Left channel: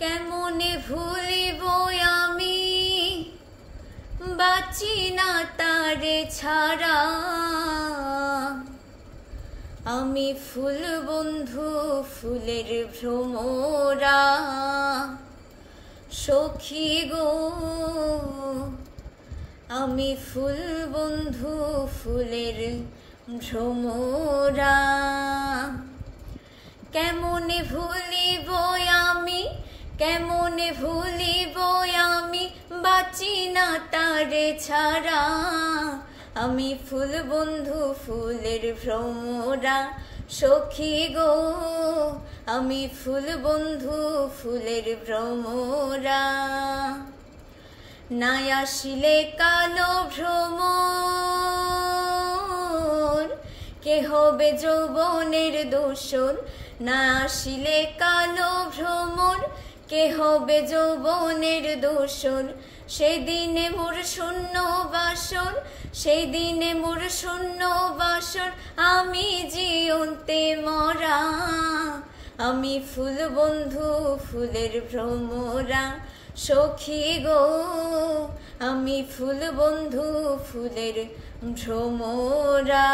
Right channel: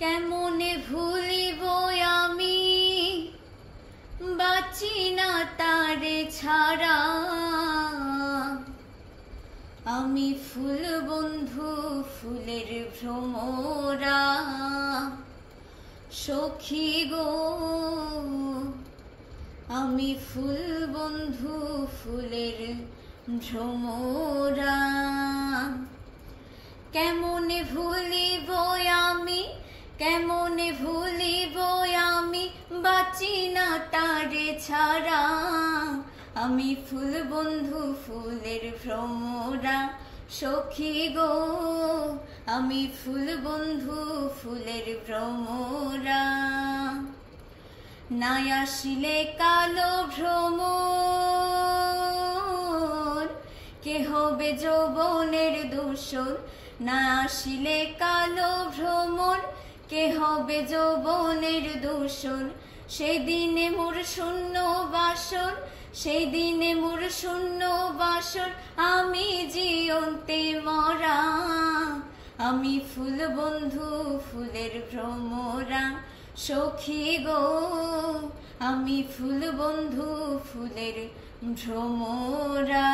কেমনে ভুলিব আমি বাঁচি না তারে ছাড়া। আমি ফুল বন্ধু ফুলের ভ্রমরা সখী গো, আমি ফুল বন্ধু ফুলের ভ্রমরা। কেমনে ভুলিব আমি, কেমনে ভুলিব আমি বাঁচি না তারে ছাড়া। আমি ফুল বন্ধু ফুলের ভ্রমরা সখী গো, আমি ফুল বন্ধু ফুলের ভ্রমরা। না আসিলে কালো ভ্রমর কে হবে যৌবনের দোসর। না আসিলে কালো ভ্রমর কে হবে যৌবনের দোসর। সেদিনে মোর শূন্য বাসর, সেই দিনে মোর শূন্য বাসর। আমি জীবন্তে মরা, আমি ফুল বন্ধু ফুলের ভ্রমরা সখী গো, আমি ফুল বন্ধু ফুলের ভ্রমরা।